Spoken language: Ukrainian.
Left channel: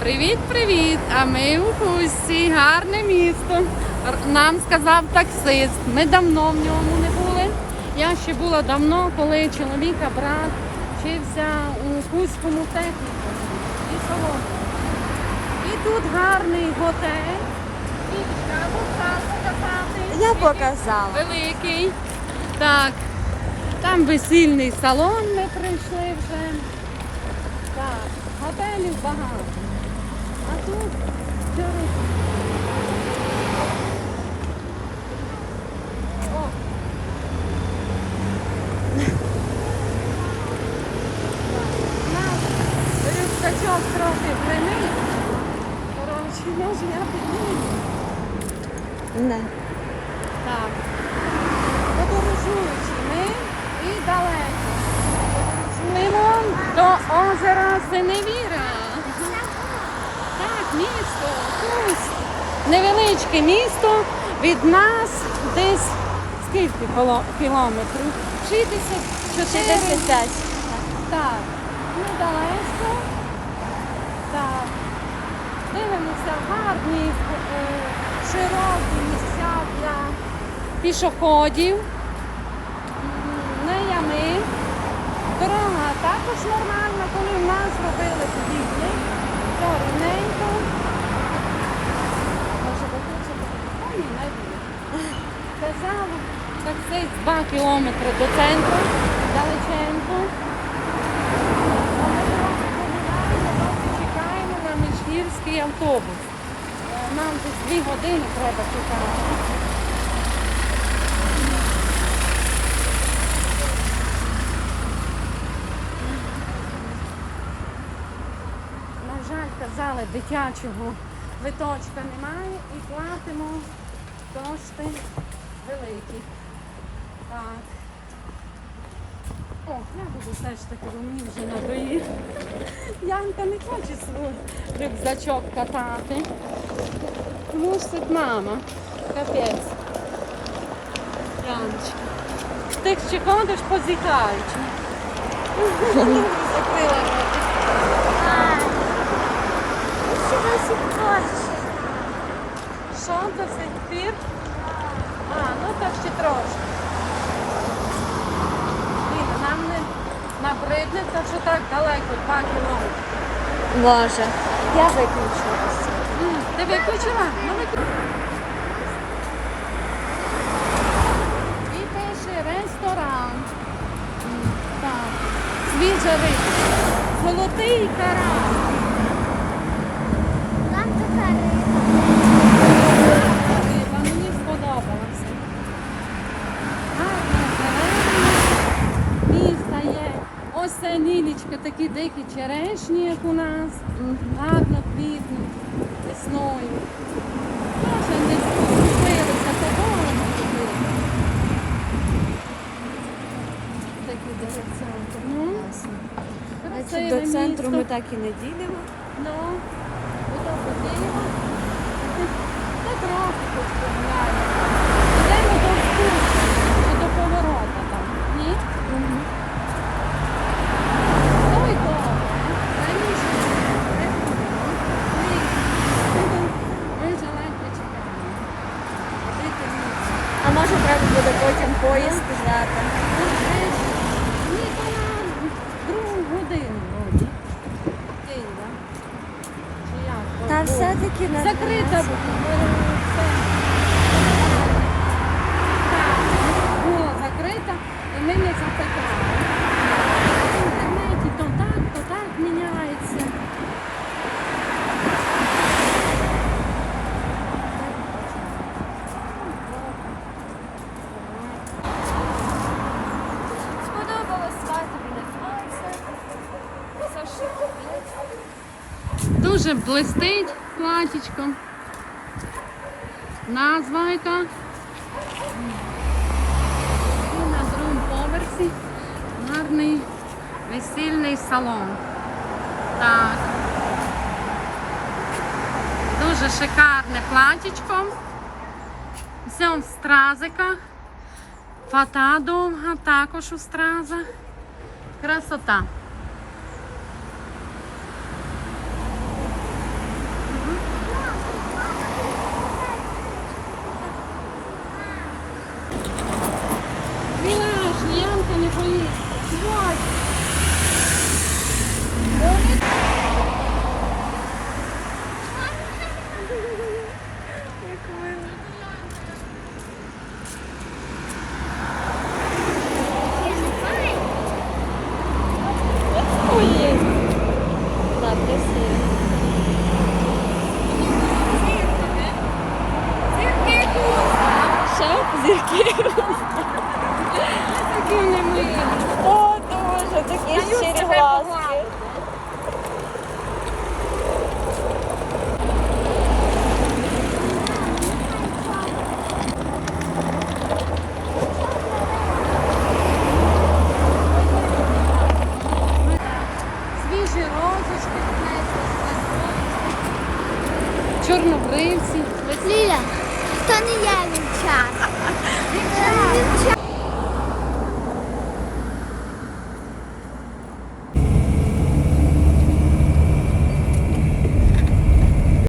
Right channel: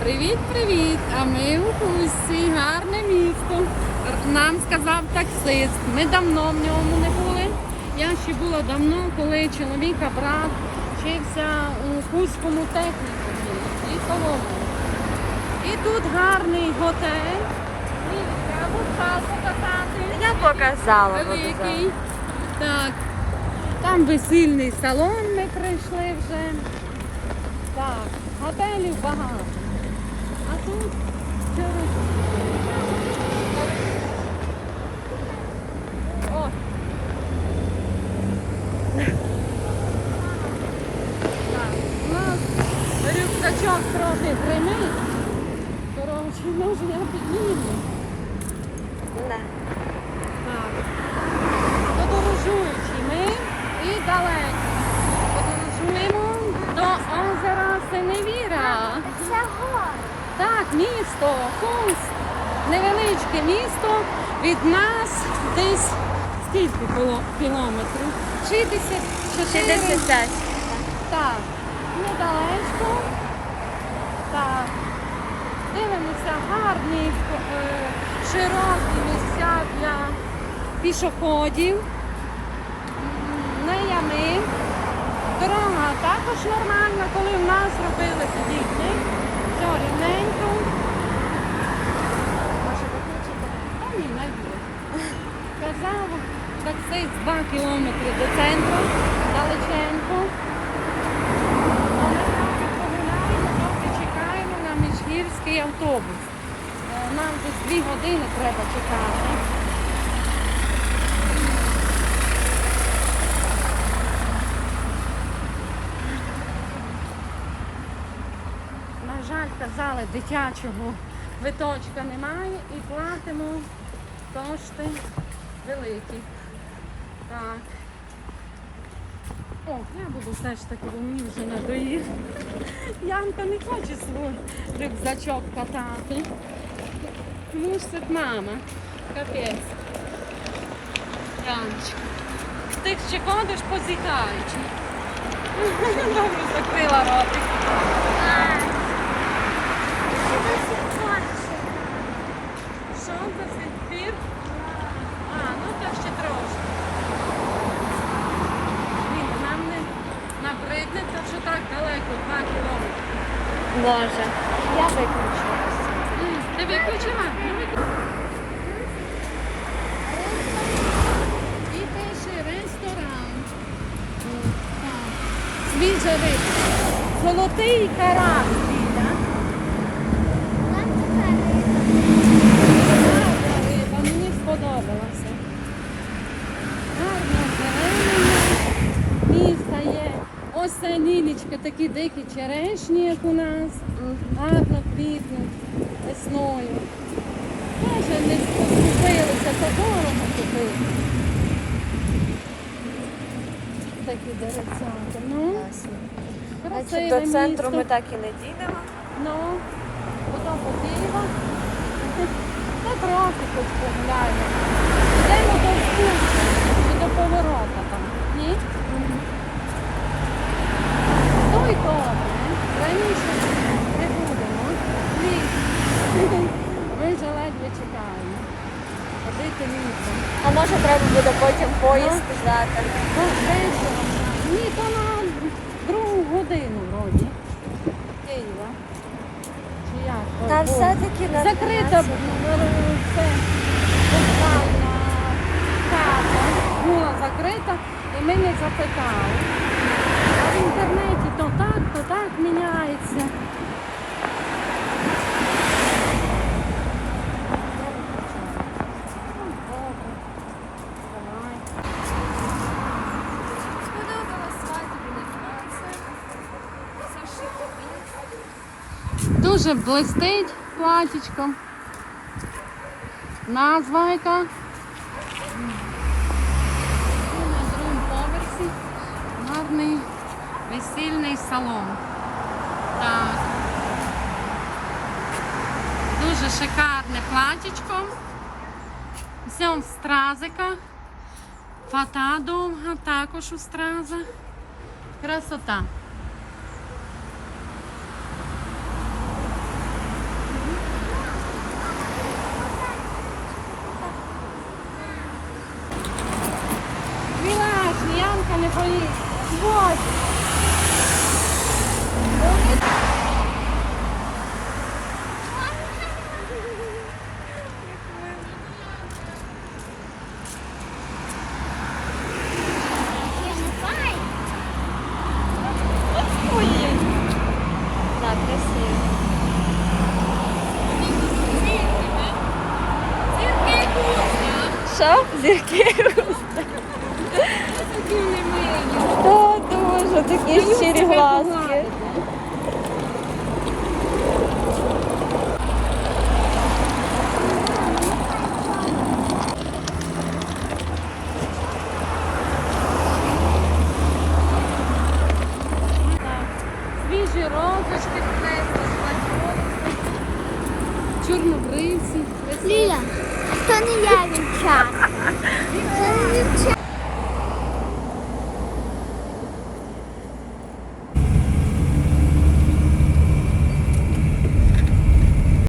Привіт-привіт! А ми у Хусті, гарне місто. Нам сказав таксист. Ми давно в ньому не були. Я ще була давно, коли чоловіка брат вчився у Хуському технікумі і тут гарний готель. І. Я показала. Великий. Так. Там весільний салон ми прийшли вже. Так, готелів багато. А тут що? О. Так, у нас рюкзачок трохи прийняли. Коротше, може я підніму. Не. Так. Подорожуючи ми і далеко. Подорожуємо до озера Місто, Хуст. Невеличке місто від нас десь скільки кілометрів? 64. 65. Так, недалеко. Так. Дивимося гарні, широкі місця для пішоходів. М, На ями. Дорога також нормальна, коли в нас робили подібне. Казав таксист 2 кілометри до центру, далеченько. Чекаємо на міжгірський автобус. Нам десь дві години треба чекати. На жаль, казали, дитячого виточка немає і платимо кошти великі. Так. О, я буду ж таки, мені вже надоїв. Янка не хоче свій рюкзачок катати. Мусить мама. Капець. Янчик. Ти ще ходиш позіхаючи. Добре закрила ротик. Що це все пір? А, ну так ще трошки. Ні, нам не набридне, то що так далеко, два кілометри. Може. Я виключила. Ти виключила? Ну, виключила. І пише ресторан. Так. Свіжа риба. Золотий карась. Риба, Мені сподобалося. Гарно зелено. Місто є. Ось це лілічка, такі дикі черешні, як у нас. Гарно квітнуть весною. Вже не спустилася, це квітнуть. Такі деревця. Ну, До центру ми так і не дійдемо. Закрита була закрита і ми не запитали. В інтернеті то так, то так міняється. Сподобалось свати біля Дуже блистить платічко. Назва яка. І на другому поверсі гарний весільний салон. Так. Дуже шикарне платічко. Все в стразиках. Фата довга, також у стразах. Красота. What? าน